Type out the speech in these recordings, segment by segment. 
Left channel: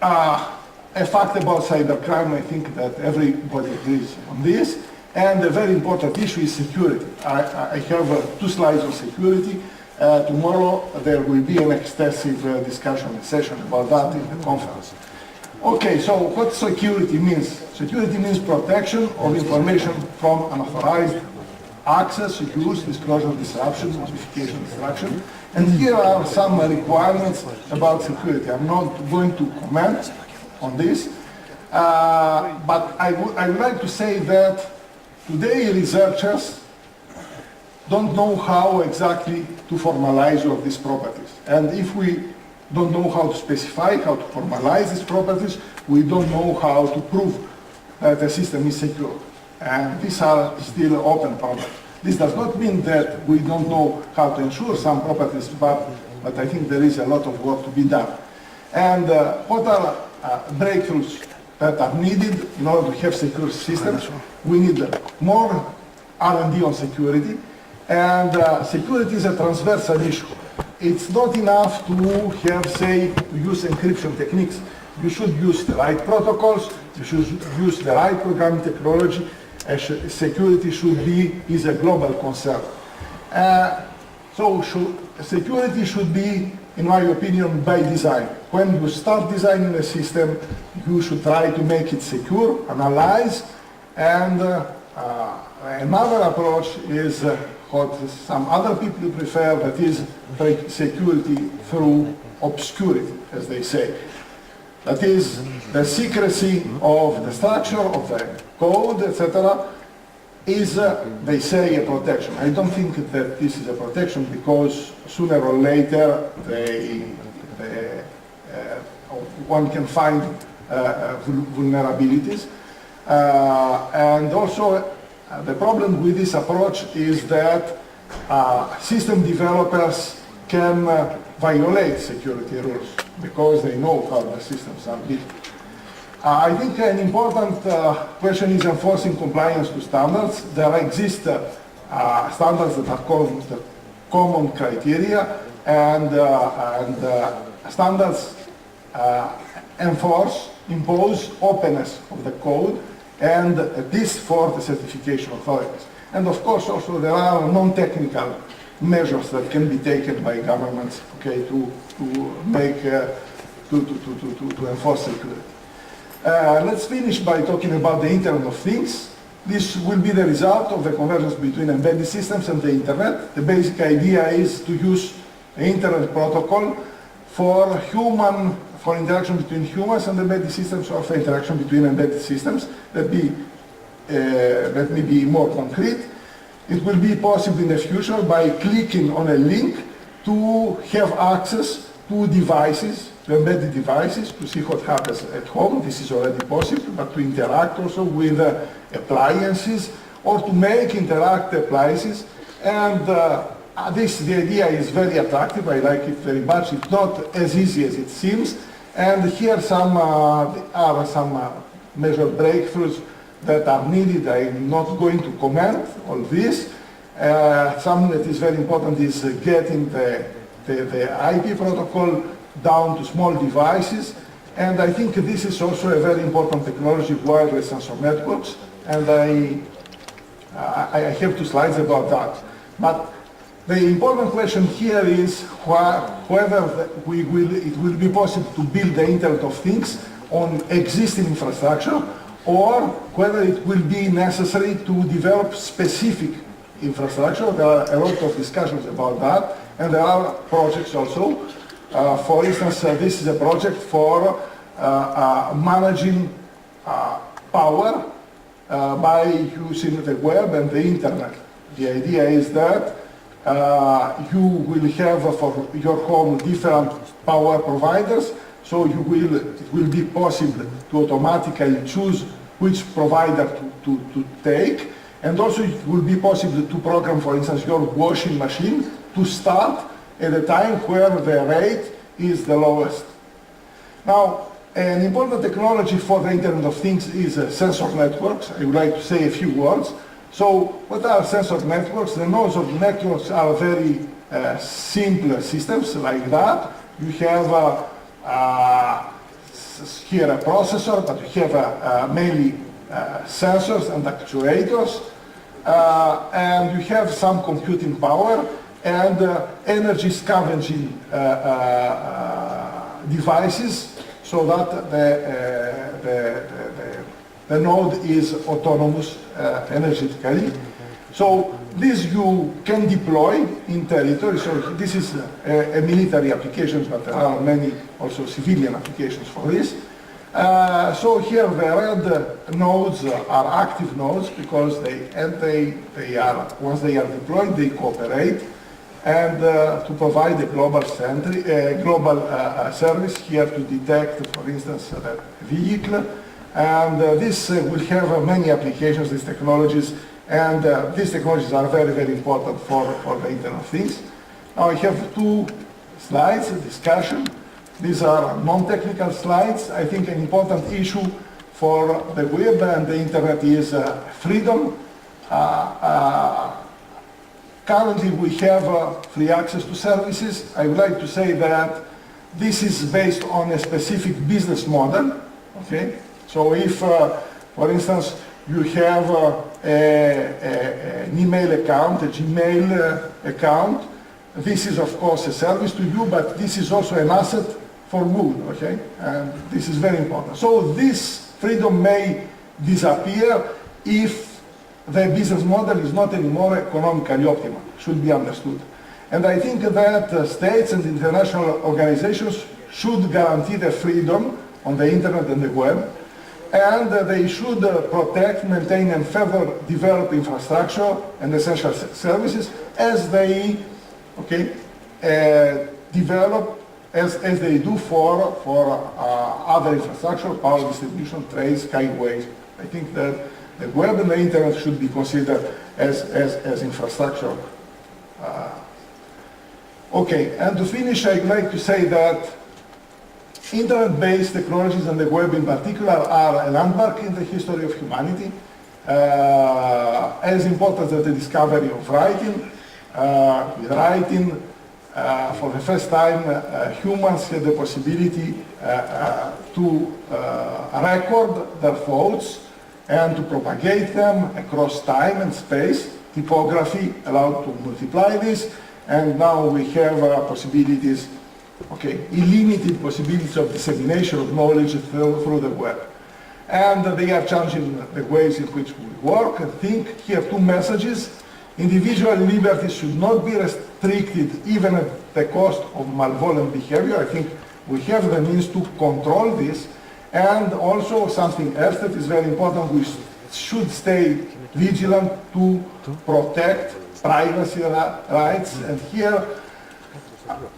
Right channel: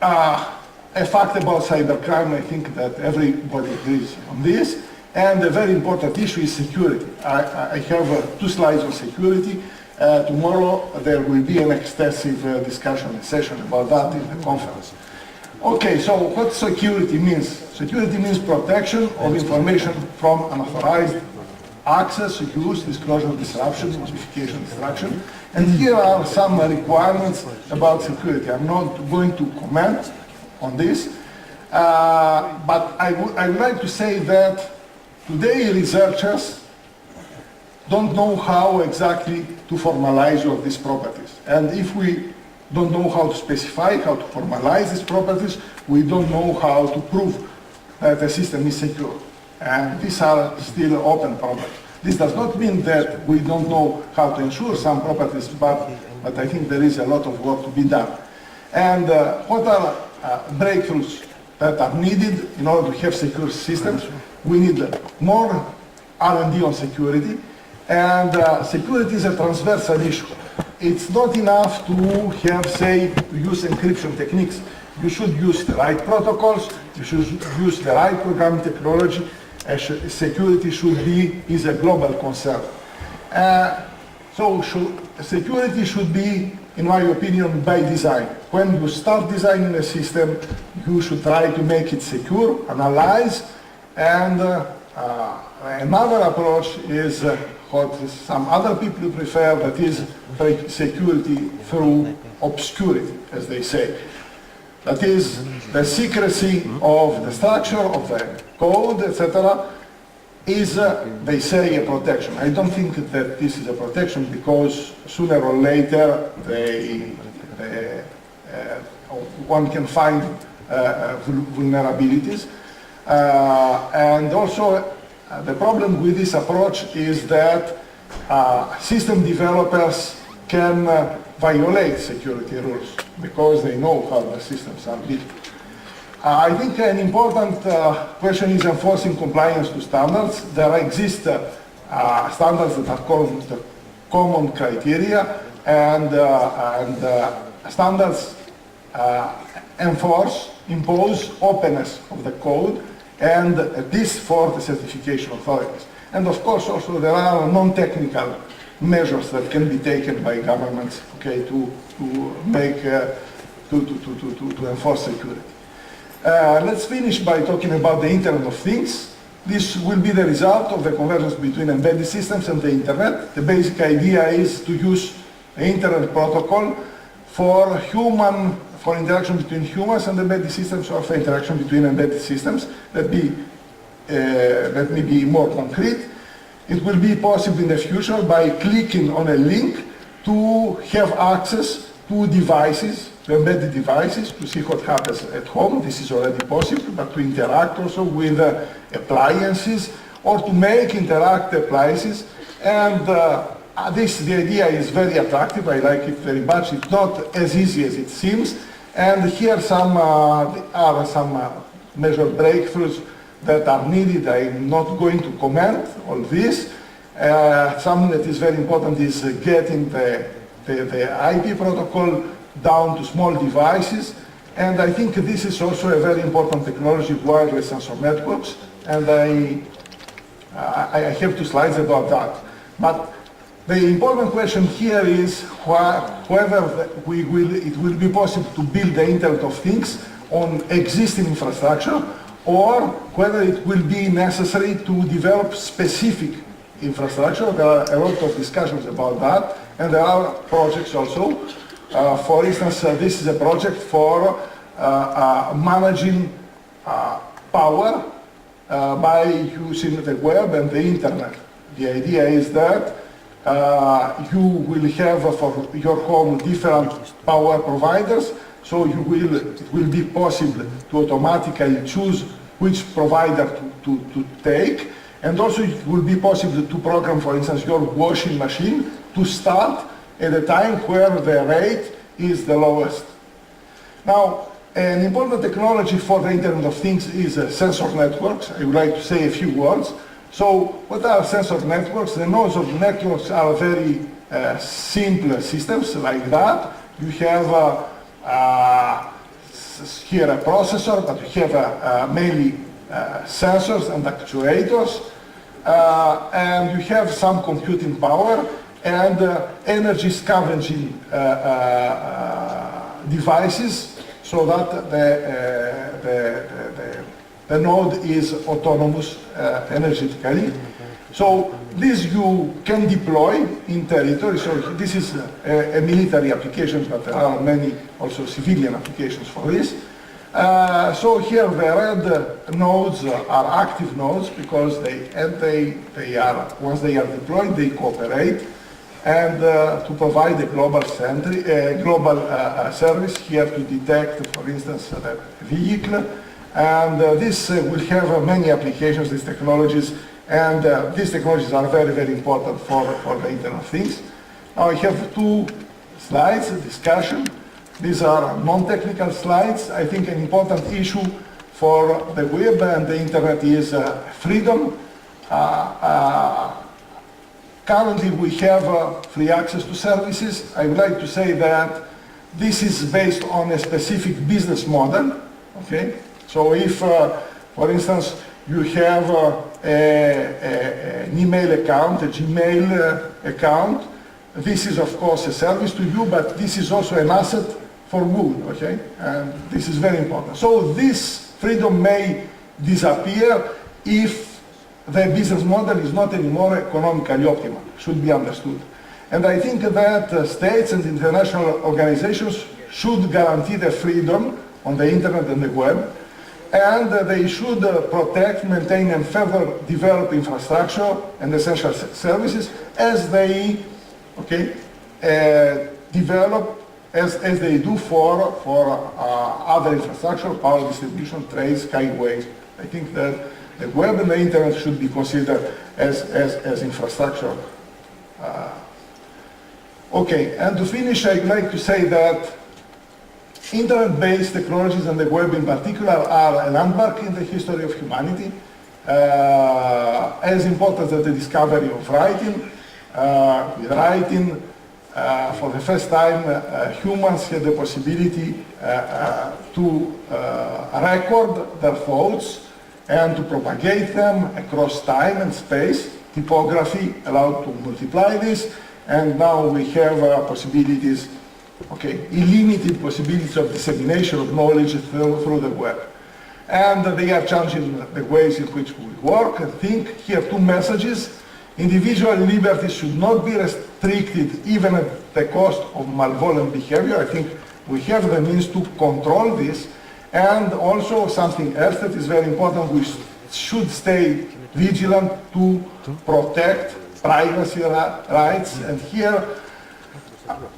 a fact about cybercrime, I think that everybody agrees on this. And a very important issue is security. I have 2 slides on security. Tomorrow there will be an extensive discussion session about that in the conference. Okay, so what security means? Security means protection of information from unauthorized access, use, disclosure, disruption, modification, destruction. And here are some requirements about security. I'm not going to comment on this, but I would like to say that today researchers don't know how exactly to formalize all these properties. And if we don't know how to specify, how to formalize these properties, we don't know how to prove that the system is secure. And these are still open problems. This does not mean that we don't know how to ensure some properties, but I think there is a lot of work to be done. And what are breakthroughs that are needed in order to have secure systems? We need more R&D on security. And security is a transversal issue. It's not enough to have, say, to use encryption techniques. You should use the right protocols, you should use the right programming technology. Security is a global concern. So security should be, in my opinion, by design. When you start designing a system, you should try to make it secure, analyze, and another approach is what some other people prefer, that is security through obscurity, as they say. That is, the secrecy of the structure, of the code, etc., is, they say, a protection. I don't think that this is a protection, because sooner or later one can find vulnerabilities. And also, the problem with this approach is that system developers can violate security rules because they know how the systems are built. I think an important question is enforcing compliance to standards. There exist standards that are called the common criteria, and standards impose openness of the code, and this for the certification authorities. And of course also there are non-technical measures that can be taken by governments, okay, to enforce security. Let's finish by talking about the Internet of Things. This will be the result of the convergence between embedded systems and the Internet. The basic idea is to use the Internet protocol for interaction between humans and embedded systems, or for interaction between embedded systems. Let me be more concrete. It will be possible in the future by clicking on a link to have access to devices, to embedded devices, to see what happens at home. This is already possible, but to interact also with appliances, or to make interactive appliances. And the idea is very attractive. I like it very much. It's not as easy as it seems. And here are some major breakthroughs that are needed. I'm not going to comment on this. Something that is very important is getting the IP protocol down to small devices. And I think this is also a very important technology, wireless sensor networks. And I have 2 slides about that. But the important question here is whether it will be possible to build the Internet of Things on existing infrastructure, or whether it will be necessary to develop specific infrastructure. There are a lot of discussions about that, and there are projects also. For instance, this is a project for managing power by using the web and the Internet. The idea is that you will have for your home different power providers, so it will be possible to automatically choose which provider to take, and also it will be possible to program, for instance, your washing machine to start at a time where the rate is the lowest. Now, an important technology for the Internet of Things is sensor networks. I would like to say a few words. So, what are sensor networks? The nodes of networks are very simple systems like that. You have is here a processor, but you have mainly sensors and actuators, and you have some computing power and energy scavenging devices, so that the node is autonomous energetically. So this you can deploy in territory. So this is a military application, but there are many also civilian applications for this. So here the red nodes are active nodes because they are, once they are deployed, they cooperate, and to provide a global service here to detect, for instance, the vehicle. And this will have many applications, these technologies, and these technologies are very, very important for the Internet of Things. Now I have two slides, a discussion. These are non-technical slides. I think an important issue for the web and the Internet is freedom. Currently we have free access to services. I would like to say that this is based on a specific business model, okay? So if, for instance, you have an email account, a Gmail account, this is of course a service to you, but this is also an asset for good, okay? And this is very important. So this freedom may disappear if the business model is not anymore economically optimal, should be understood. And I think that states and international organizations should guarantee the freedom on the Internet and the web, and they should protect, maintain, and further develop infrastructure and essential services as they, okay, develop, as they do for other infrastructure, power distribution, trade, skyways. I think that the web and the Internet should be considered as infrastructure. Okay, and to finish, I'd like to say that Internet-based technologies and the web in particular are a landmark in the history of humanity, as important as the discovery of writing. With writing, for the first time, humans had the possibility to record their thoughts and to propagate them across time and space. Typography allowed to multiply this, and now we have possibilities, okay, unlimited possibilities of dissemination of knowledge through the web. And they are changing the ways in which we work and think. Here two messages. Individual liberties should not be restricted even at the cost of malevolent behavior. I think we have the means to control this. And also something else that is very important, we should stay vigilant to protect privacy rights. And here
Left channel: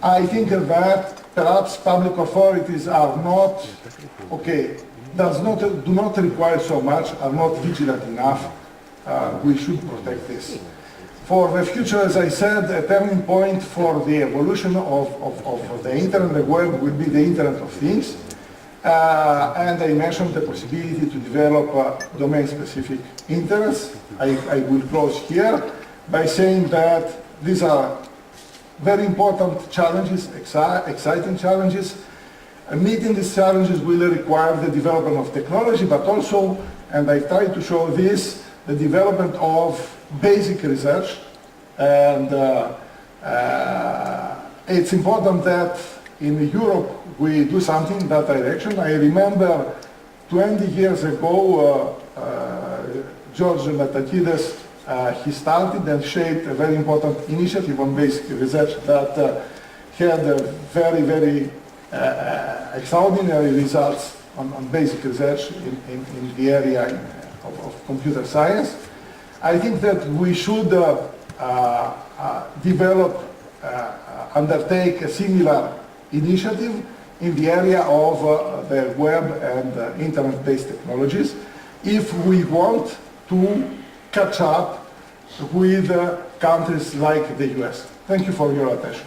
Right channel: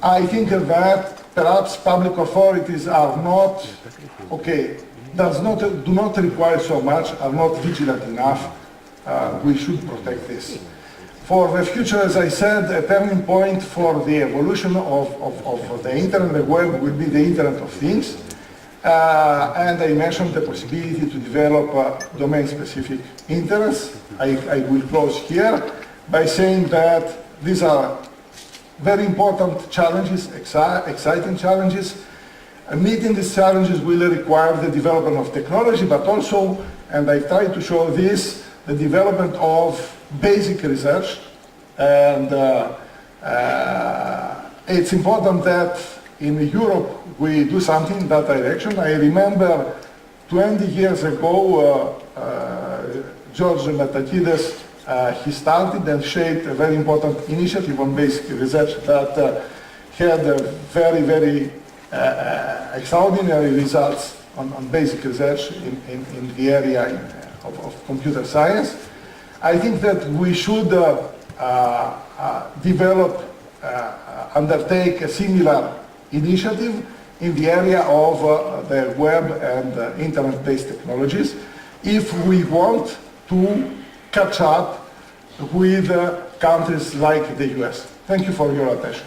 I think that perhaps public authorities are not, okay, do not require so much, are not vigilant enough. We should protect this. For the future, as I said, a turning point for the evolution of the Internet and the web will be the Internet of Things. And I mentioned the possibility to develop domain-specific interests. I will close here by saying that these are very important challenges, exciting challenges. Meeting these challenges will require the development of technology, but also, and I tried to show this, the development of basic research. And it's important that in Europe we do something in that direction. I remember 20 years ago, George Metakides, he started and shaped a very important initiative on basic research that had very, very extraordinary results on basic research in the area of computer science. I think that we should undertake a similar initiative in the area of the web and Internet-based technologies if we want to catch up with countries like the US. Thank you for your attention.